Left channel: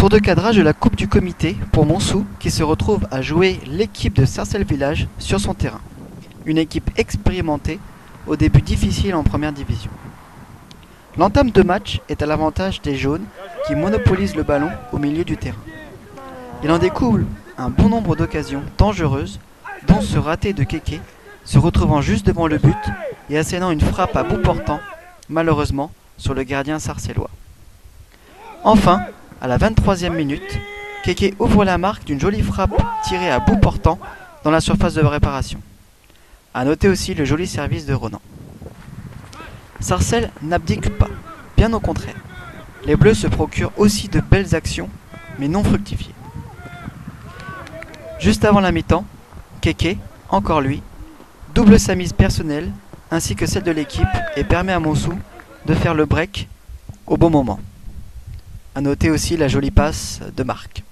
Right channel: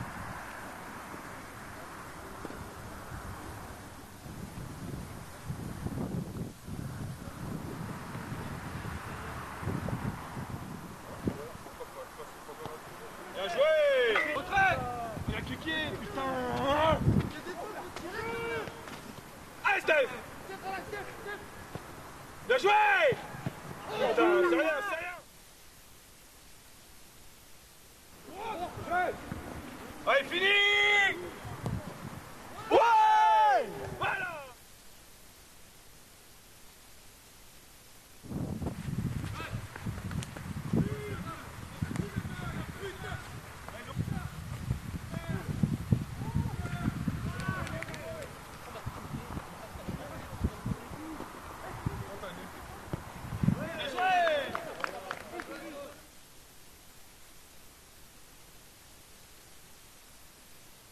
Tour de cadrage de la Coupe du Comité pour Montsou qui se retrouve à jouer l'équipe de Sarcelles Village sur son terrain. Une équipe expérimentée au début difficile en première division. L'entame de match est à l'avantage des jaunes qui monopolisent le ballon au milieu du terrain. Il en découle un bon nombre d'occasions dangereuses, dont ce raté de Kéké, se retrouvant juste devant le but et assénant une frappe à bout portant, malheureusement, sur le gardien sarcellois. Enfin, à la 23e minute, Kéké ouvre la marque d'une jolie frappe tirée à bout portant dans la surface de réparation. A noter aussi le joli service de Ronan. Sarcelles n'abdique pas, bien au contraire. Les Bleus se procurent aussi de belles actions, mais non fructifiées. Juste avant la mi-temps, Kéké, encore lui, double sa mise personnelle ainsi que celle de l'équipe et permet à Montsou de faire le break au bon moment. A noter aussi la jolie passe de Marc.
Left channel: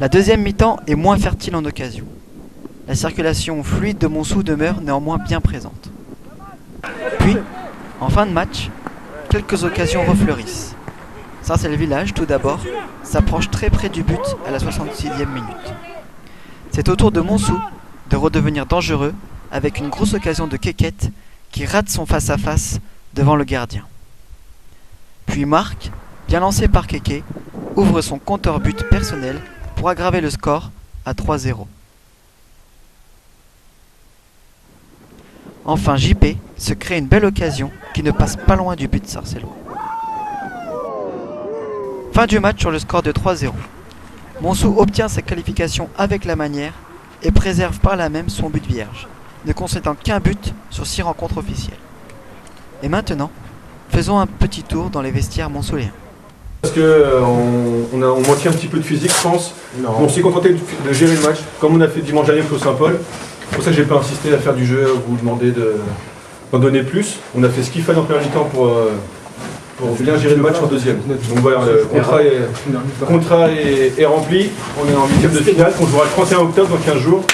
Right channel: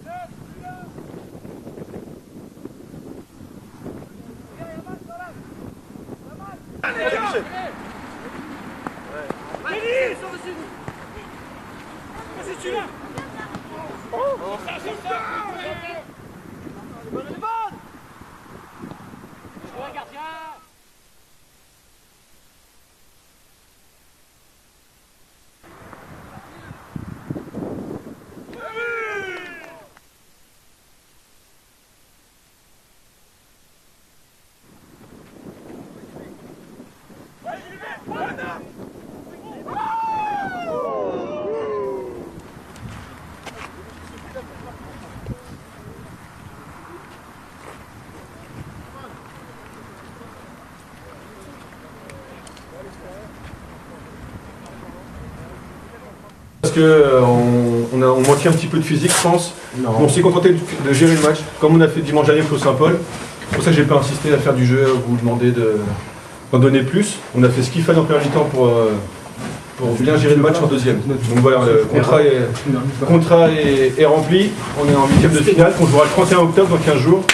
La deuxième mi-temps est moins fertile en occasion. La circulation fluide de Montsou demeure néanmoins bien présente. Puis, en fin de match, quelques occasions refleurissent. Sarcelles Village, tout d'abord, s'approche très près du but à la 66e minute. C'est au tour de Montsou de redevenir dangereux avec une grosse occasion de Kékette qui rate son face-à-face devant le gardien. Puis Marc, bien lancé par Kéké, ouvre son compteur but personnel pour aggraver le score à 3-0. Enfin JP se crée une belle occasion qui ne passe pas loin du but sarcellois. Fin du match sur le score de 3-0. Montsou obtient sa qualification avec la manière et préserve par là même son but vierge, ne concédant qu'un but sur 6 rencontres officielles. Et maintenant, faisons un petit tour dans les vestiaires montsouléens. Parce qu'on manquait un petit peu de physique, je pense. On s'est contenté de gérer le match, comme on a fait dimanche dernier au Saint-Paul. C'est pour ça que j'ai pas insisté à faire du jeu, vous demander d'en donner plus. On a fait ce qu'il fallait en première mi-temps pour bien gérer le match en deuxième. Donc voilà, le contrat est rempli. On est en 8e de finale, on jouera le 31 octobre dans 15 jours.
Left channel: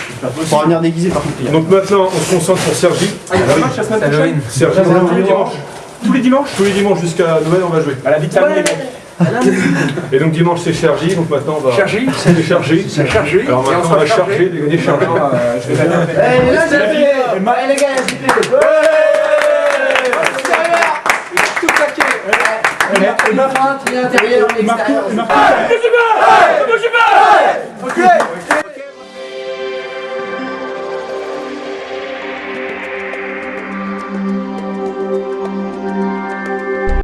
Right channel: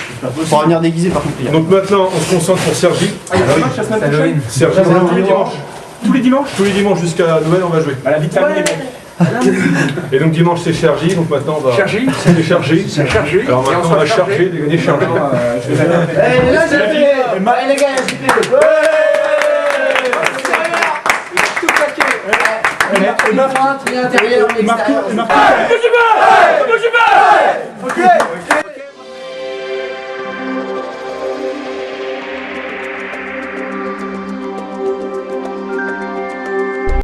Pour venir déguisé par contre. Donc maintenant, on se concentre pour Sergi. Il y a un match la semaine prochaine. Sergi, tous les dimanches. Tous les dimanches. Tous les dimanches jusqu'à Noël, on va jouer. À la vie de famille. Et donc dimanche c'est Sergi, donc maintenant on va... Sergi. C'est Sergi. C'est Sergi. Alors maintenant on va charger, dégainer Sergi. Et là j'ai fait. Et les gars, il y a tout claqué. Et ma feinte, l'intérieur, l'extérieur.